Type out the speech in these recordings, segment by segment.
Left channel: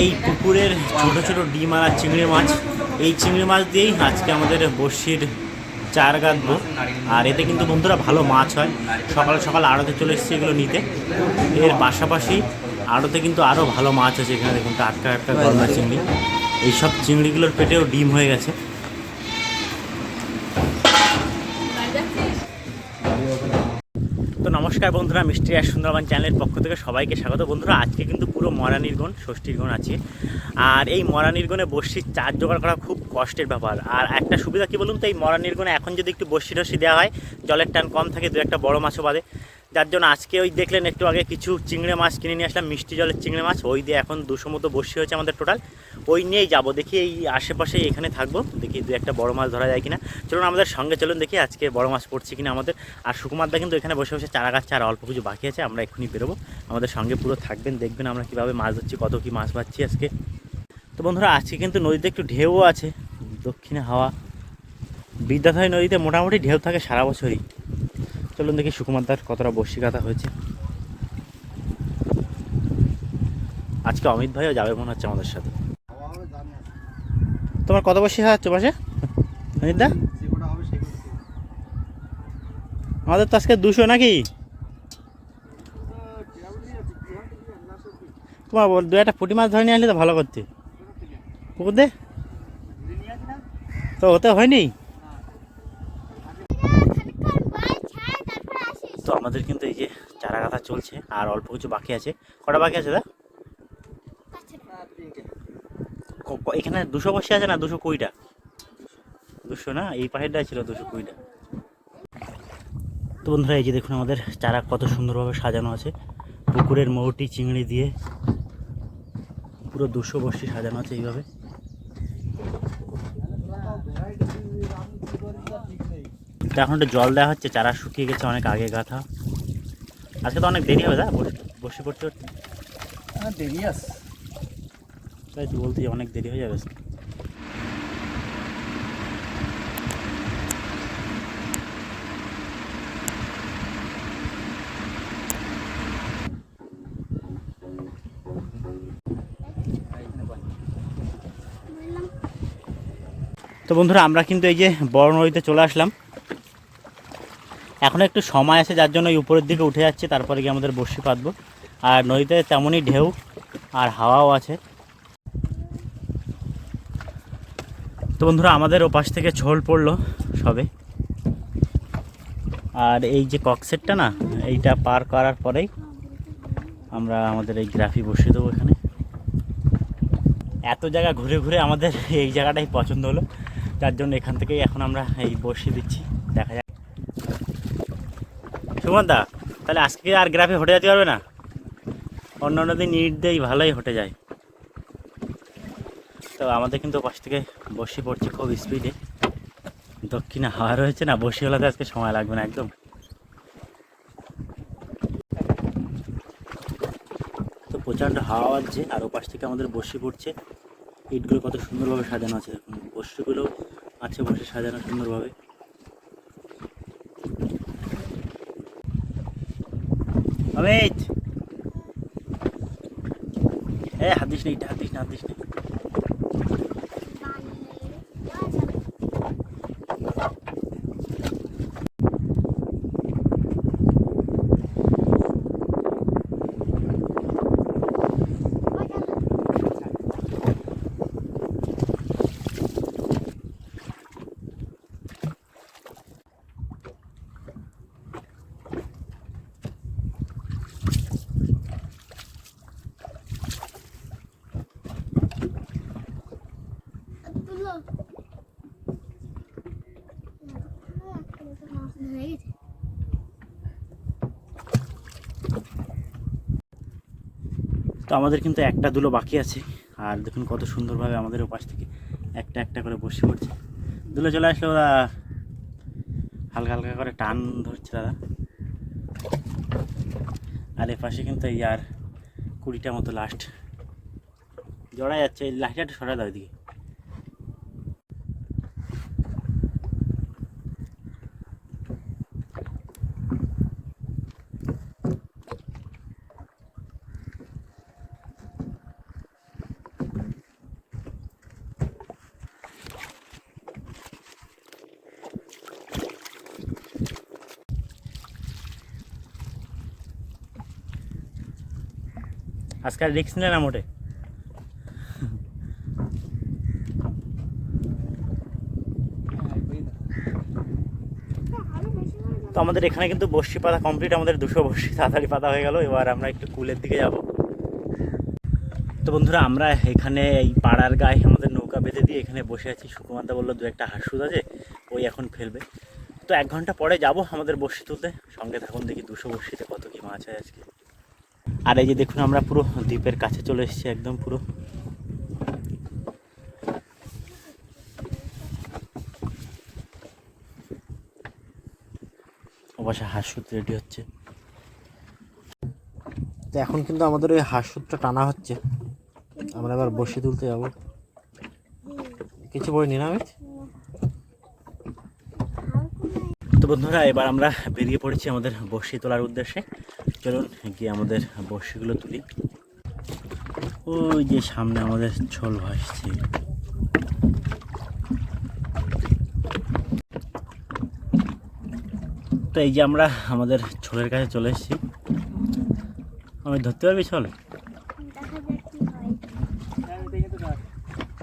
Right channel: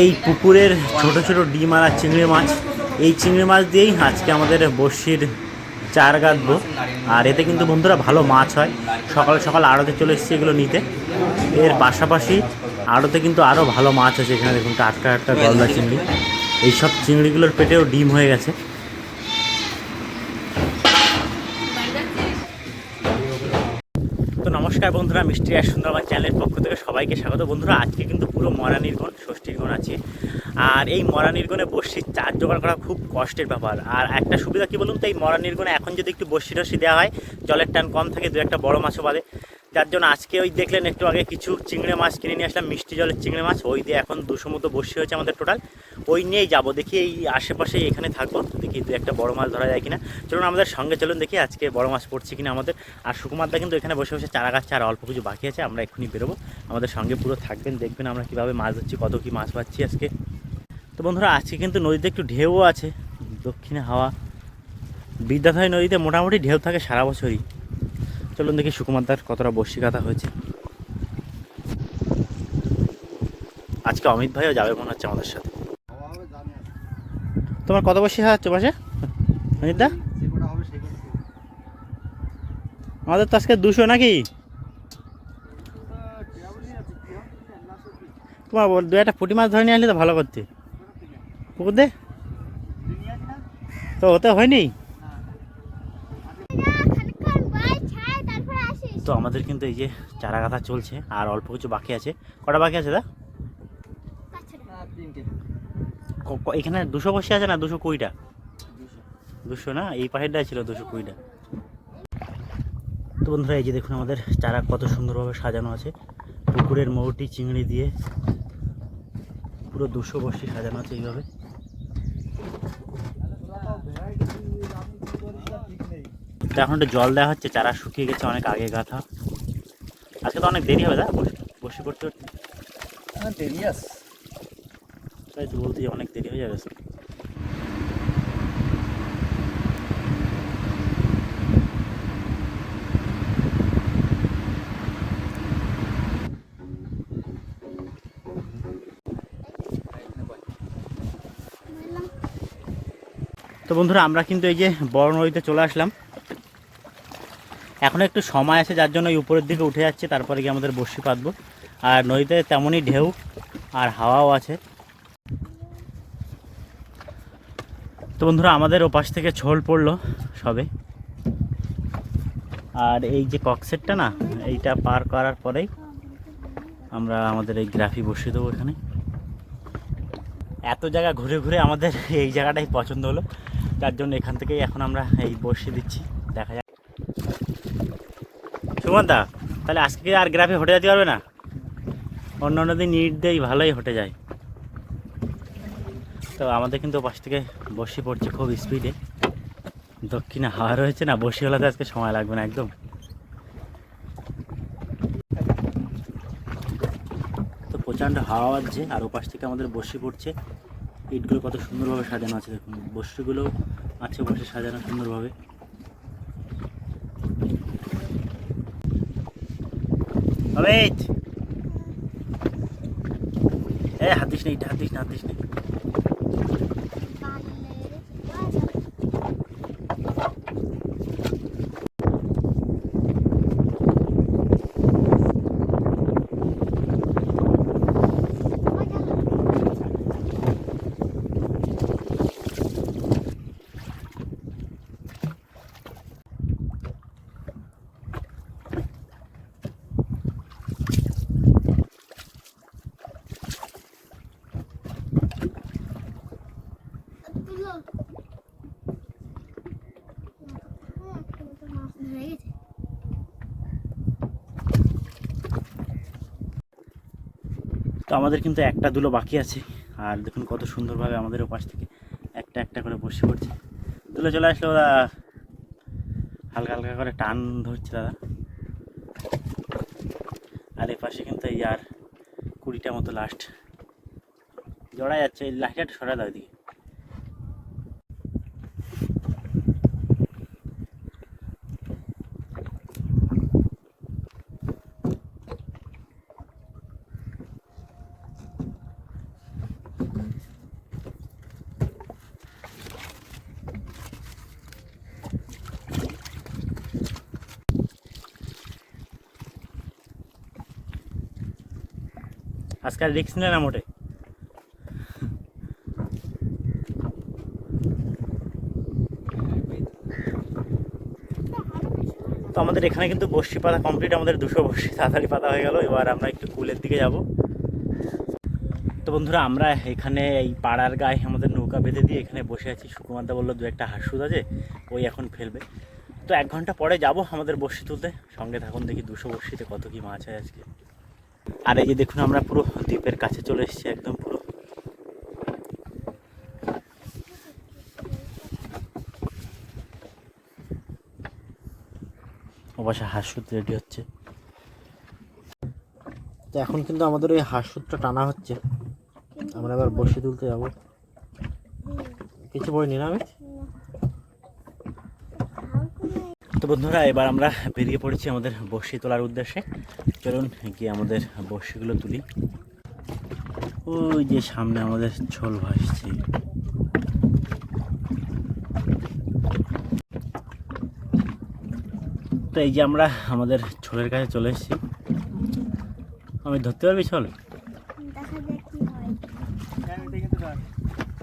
এই পুকুরের ছোট ছোট ডিম আর চিংড়ি মাছ। এই চিংড়ি মাছ দিয়েই আজকে আমাদের বড়শির চার গাঁদব আর এতে কিন্তু বন্ধুরা ভালো মাছ হয়। সকাল সকাল আড়তে চলে এসেছি এগুলো নিতে। এর পাশাপাশি আড়তে কিন্তু আরও ভালো মাছ আছে। এখানে দেখুন টাটকা টাটকা গলদা চিংড়ি। এইসব চিংড়িগুলোর পেটেও ডিম হয়ে গেছে তো নমস্কার বন্ধুরা, মিষ্টি আর সুন্দরবন চ্যানেলের পক্ষ থেকে সবাইকে স্বাগত। বন্ধুরা, আজকে কিন্তু পুরো মরা নির্গণ, ষষ্ঠীর গণ আছে। আর এই মরা নির্গণে বর্ষির চার জোগাড় করা খুব কষ্টের ব্যাপার। আর একটা সুবিধা কি বলুন তো, এই মরা নির্গণে এখন যদি একটু বর্ষি টসি দেওয়া হয়, জলের টান কম থাকে, দু একটা বড় মাছও বাদে। যার জন্য আজকে ওই দেখলেন একটু আগে কিছু চিংড়ি মাছ কিনে নিয়ে আসলাম, মিষ্টি জলের চিংড়ি মাছ। ওই দিয়ে এখন দুশো মতো বর্ষি হয়েছে আমাদের টোটাল ওই নিয়েই যাব, দেখি এই আশেপাশে এখানে থাকব, দেখি দু একটা বড় মাছ ধরা যায় কিনা। চলুন আমাদের সঙ্গে চলুন দেখি আজকে বড় মাছ পড়ছে কিনা আমাদের। আর সুকুমারদা কিন্তু এখানে বসে বসে চারা গাছ আর অল্প কিছু বাকি আছে, আমরা এক্ষুনি বেরোবো। আমাদের সঙ্গে পুরো থাকবেন, দেখবেন আমরা কীভাবে মাছ ধরছি, কত কী মাছ পাচ্ছি আজকে। তো বন্ধুরা, আজকে কিন্তু নদীতে একটু ঢেউও আছে, দক্ষিণে হাওয়া। বিদ্যাধরী নদীতে মোটামুটি ঢেউ থাকে সারা বছরই। চলুন দেখি সুকুমারদার কতটা বর্ষি কাটা হয়েছে। আজকে অমিত ভাইও যাবে মনে হচ্ছে আমাদের সাথে। তোমার কত বসি হচ্ছে পাশে? অমিতদা আমাদের তো আজকে দুশো নাকি? তোমার দু একটা পুঁটি মাছ ধরে নিয়ে আসলে তো ভালো করতে। পুকুর দে। তো, ওতে হয়নি? তো আমাদের কিন্তু এই যে চারা গাঁথা চলছে আর অল্প কিছু বাকি আছে। কটা বাকি আছে, দা? এখানে দুশো বসে আছে না দুশো কুড়িটা? দুশো না? এই পাশেরটাই ছিল দুশো কুড়িটা। তো বন্ধুরা, এই যে দেখুন আমাদের চারা কত সুন্দরভাবে সাজানো আছে। পুকুরের মৌটি চিংড়ি দিয়ে পুরো দুশো বর্ষি সাজানো আছে এইভাবে। তো এখন একটু জল দেওয়া হচ্ছে চারা শুকিয়ে গেছে অনেক আগে গাথা। আজকে তো অনেক দেরি হবে দা বসে বসে পড়তে করতে দেরি আছে। তাই তো বলতে অনেক দেরি হয়ে যাবে তো বন্ধুরা আমরা কিন্তু এই যে বড় নদীতে চলে আসলাম। এখন একটু সময় আছে, যার জন্য উপরের দিকে উঠে যাচ্ছে, তারপরে গিয়ে আমাদের বসি পাতবো। আর নদীতে তেমনই ঢেউ আর হাওয়াও আছে। তো বন্ধুরা, আমাদের ওপাশ থেকে ঝোল পড়ল সবে। আর এই যে ককসেটটা না, এইটা পার করার পরেই আমরা আমাদের এই গ্রাফি বসিয়ে দেবো এখানে। এত জায়গা ঘুরে ঘুরে আমাদের এই জায়গাটাই পছন্দ হলো, যার জন্য এখান থেকেই এখন আমরা এই বসিয়ে দিচ্ছি। দেখা যাক সুমন দা তাহলে আজকে আর গ্রাফে হটে যেতে পারবে না? অন্য অন্য দিন ইট দেই ভালোই হটে যায়। তো আমাদের কিন্তু পাশ থেকে বসি পড়ছে খুব স্পিডে দক্ষিণে হাওয়া রয়েছে না, বসি হলাতে আজকে সময় লাগবে না একদম। তো প্রচণ্ড হাওয়া বাজছে আর ওপাশ থেকে আমাদের বসি পড়ছে। ইটগুলো কত সুন্দরভাবে সাজানো আছে দেখুন আছে বসে সাজানো সুন্দরভাবে। অমিত এ হাত দিস নেই হাত দিস না হাত দিস নেই তো আমাদের কিন্তু একটা দুলো বাকি আছে। আর দেখুন কত সুন্দরভাবে আমাদের ওপাশ থেকে একটা একটা করে বসে পড়ছে। দুলো চলে আসলো দাদা হালকা হালকা করে টান ধরছে দাদা। আর এ পাশে কিন্তু এই আর কুড়িটা মতো লাস্ট। জড়া যাচ্ছে একটু সরা দাও এদিকে। আজকাল রিক্স নিলে না মোটে। তো আমাদের এখানে কিন্তু বর্ষি পাতা কমপ্লিট আমাদের দুশো বর্ষি তাড়াতাড়ি পাতা হয়ে গেল। এবার আমরা একটু কুলের দিকে যাব। তো বন্ধুরা, আমরা এখানে এই পাড়ার গায়ে আমাদের নৌকা বেঁধে দিয়ে এখানে বসে আছি। সুকুমারদা বলল, দু একটা হাঁসুদ আছে, ওই এখন ফেলবে। তো এক ঘণ্টা পরে যাব আমাদের বর্ষি তুলতে। সঙ্গে থাকুন দেখি দুশো বর্ষিতে কত কি মাছ হয় আজকে। আর এই যে দেখুন, আমরা পুরো দ্বীপের কাছে চলে এসেছি একদম পুরো। অবশ্য হাঁসুদ রেডি হচ্ছে। তো এখন কিন্তু আমাদের ওই হাঁসুদটা টানা হচ্ছে। আমরা এবার বসে তুলতে যাব। কিছু বইনি না তো বন্ধুরা এবার আমরা বেরিয়ে পড়েছি আমাদের বড়শি তোলার উদ্দেশ্যে। চলুন গিয়ে আমাদের বড়শিগুলো তুলি। ওই যে সামনে আমাদের ছোল ভাসছে। তো এই যে আমরা আমাদের ছোলের কাছে চলে এসেছি। আমি ধরতে পারবি ছোল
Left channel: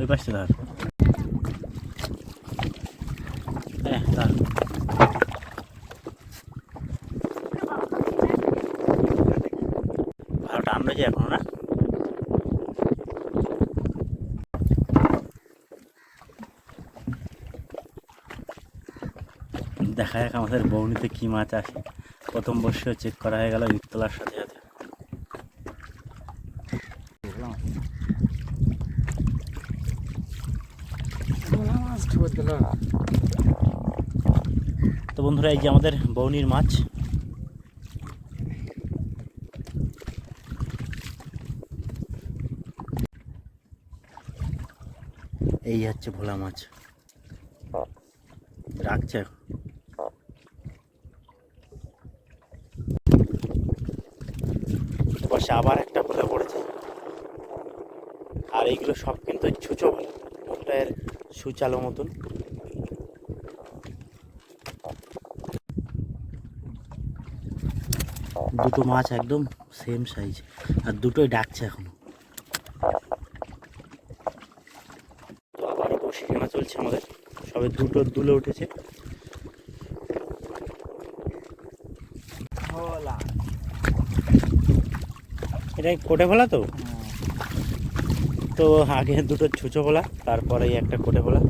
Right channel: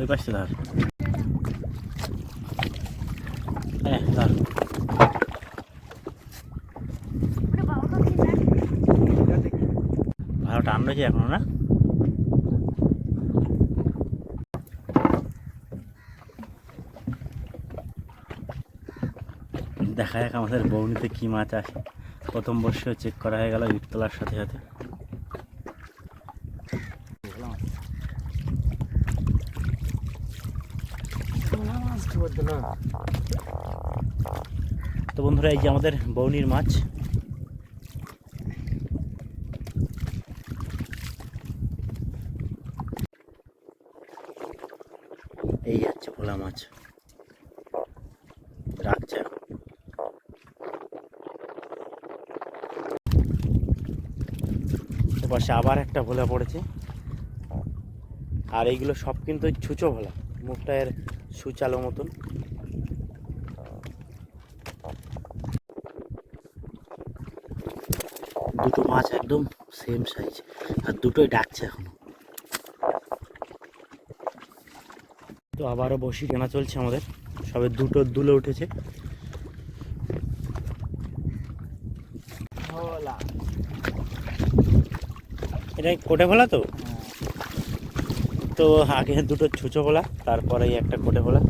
ওই পাশে ধর হ্যাঁ ধর টান রয়েছে এখনও না? দেখা যাক আমাদের বৌনিতে কি মাছ আছে প্রথম বর্ষেও চেক করা হয়ে গেল ঈদ তোলার সাথে সাথে। তো বন্ধুরা, এই যে আমাদের বৌনির মাছ। এই যাচ্ছে ভোলা মাছ। রাখছে। এখন এপাশে আবার একটা ভোলা পড়েছে। আর এইগুলো সব কিন্তু ছুঁচো ভোলা, মুখটা এর সুচালো মতন। দুটো মাছ একদম সেম সাইজ আর দুটোই ডাকছে এখনও তো আবারও বসি কেনা চলছে আমাদের। সবে দুটো দুলে উঠেছে। এটা কোটে ভোলা তো? তো আগে দুটো ছুঁচো ভোলা তারপরে একটা কোটে ভোলা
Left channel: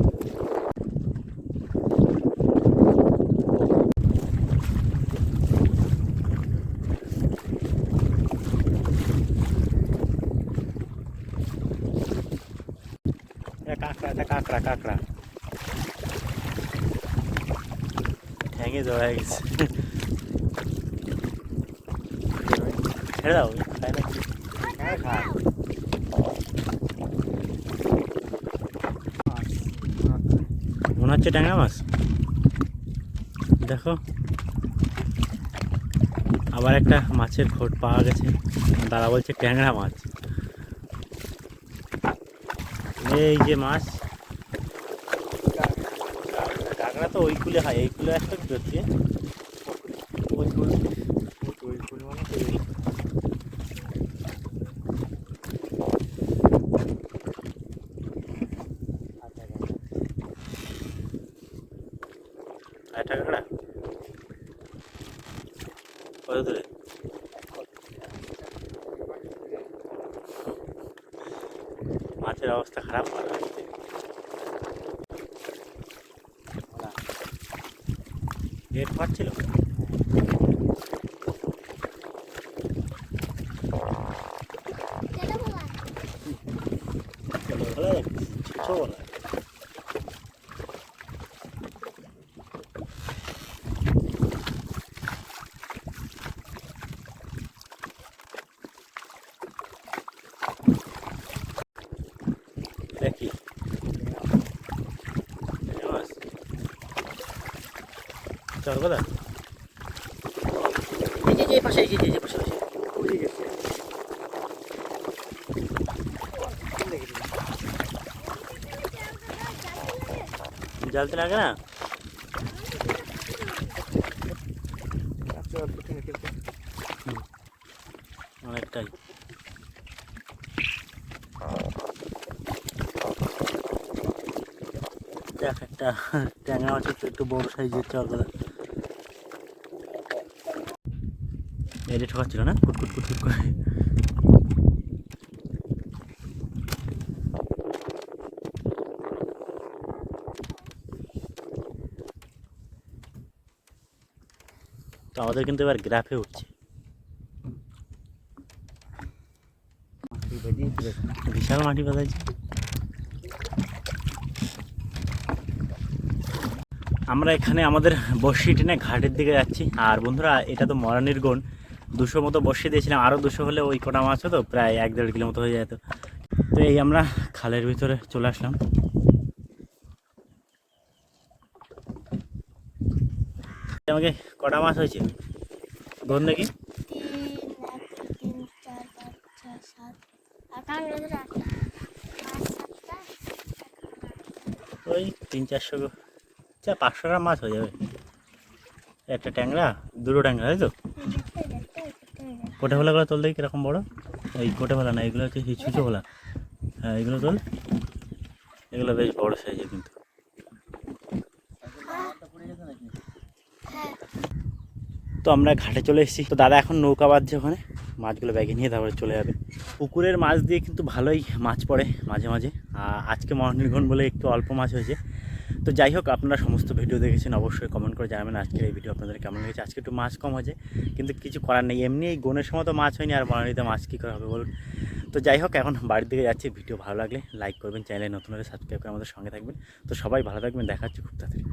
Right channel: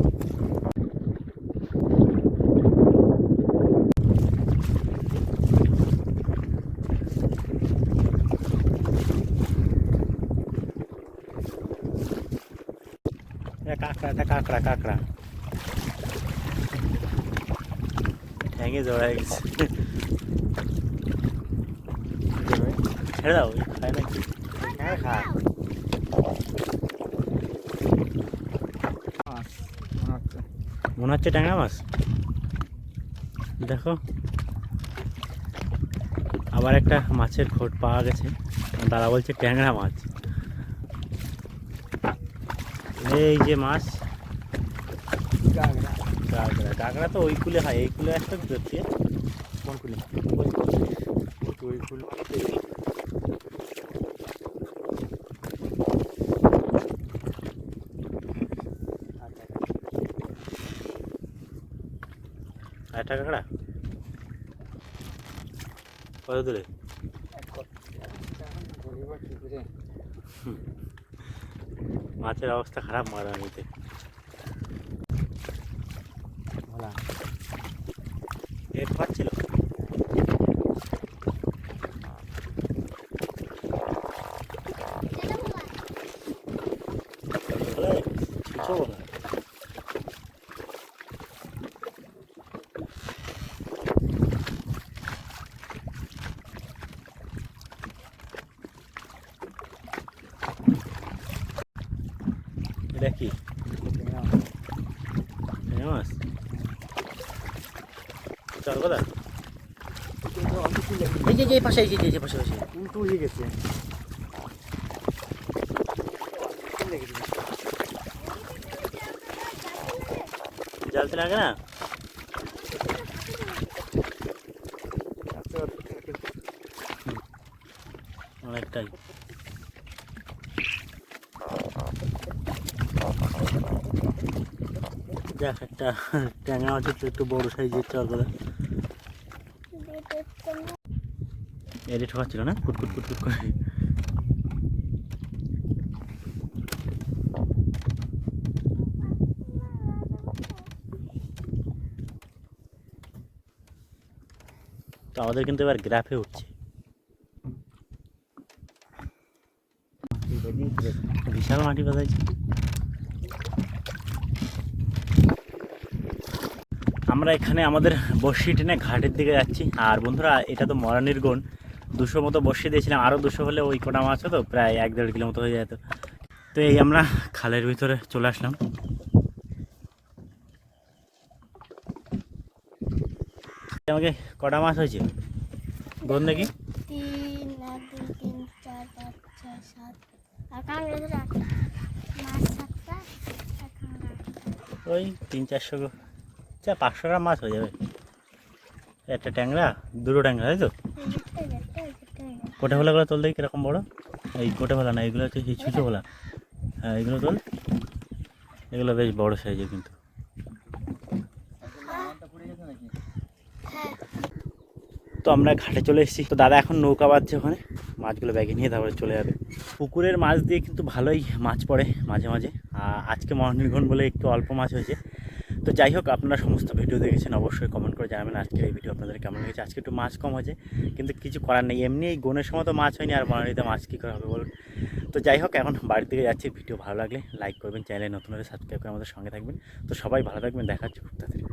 এটা কাঁকড়া কাঁকড়া। ঠ্যাঙে জড়াই গেছে ছেড়ে দাও খায় না। মনে হচ্ছে ট্যাংরা মাছ। দেখো। আবার একটা মাছের খোট পাওয়া গেছে। দাদা বলছে ট্যাংরা মাছ। এই যে মাছ। কাঁকড়া তো ওই কুলে হয়, এই কুলে একটা ধরছে। ওই কুলে কুল মানে তো কাঁকড়া কত দূরে? মাছের অবস্থা খারাপ হয়। বাড়িতে পেট পাচ্ছিল ছুঁচো বলা এটা চল দাদা। এই যে এই পাশে এই যে এই পাশে উড়ে গেছে জালতে লাগে না? অনেকটাই। দেখ একটা ট্যাংরা মাছ একটু বড় সাইজের চরগলা এটি ঠকাচ্ছিল না? কুটকুট কুটকুট করে। তো আমাদের কিন্তু এবার গ্রাফে উঠছে। বিশাল মাটি বাজাইছে আমরা এখানে আমাদের বসি টেনে ঘাটের দিকে যাচ্ছি। আর বন্ধুরা, এটা তো মরানির গন দুশো মতো বর্ষি দিয়েছিলাম। আরও দুশো হলে ওই কটা মাছ হতো প্রায় এক দেড় কিলো মতো হয়ে যেত। তো এই আমরা খালের ভিতরে চলে আসলাম। আমাকে কটা মাছ হয়েছে? দেখি। এখন আটটা ওই তিন চারশো চা পাঁচশো গ্রাম মাছ হয়ে যাবে। একটা ট্যাংরা, দুটো ট্যাংরা, তাই তো। কোটে ভোলাগুলো তোল দেখি কীরকম বড়। এই কোটে ভোলা না, এগুলো সেই ছুঁচো ভোলা হ্যাঁ এগুলো তোল। এগুলো বেশ বড় সাইজের কিন্তু। তো আমরা ঘাটে চলে এসেছি। তো দাদা এখন নৌকা বাঁধছে ওখানে। মাছগুলো ব্যাগে নিয়ে তারপরে চলে যাবে। পুকুরের মাছ দিয়ে কিন্তু ভালোই মাছ পড়ে মাঝে মাঝে। আজকে মহানির্ঘন বলে একটু অল্প মাছ হয়েছে। তো যাই হোক, আপনারা সমস্ত ভিডিও দেখেছেন, অবশ্যই কমেন্ট করে জানাবেন আজকের এই ভিডিও আপনাদের কেমন লেগেছে। আজকে একটু মাছ কম হয়েছে, কিন্তু কিছু করার নেই। এমনি এই গনের সময় তো মাছ হয়নি, আর মনালিতে মাছ কী করে হবে বলুন? তো যাই হোক, এখন বাড়ির দিকে যাচ্ছি। ভিডিও ভালো লাগলে লাইক করবেন, চ্যানেলে নতুন হলে সাবস্ক্রাইব করে আমাদের সঙ্গে থাকবেন। তো সবাই ভালো থাকবেন দেখাচ্ছি খুব তাড়াতাড়ি।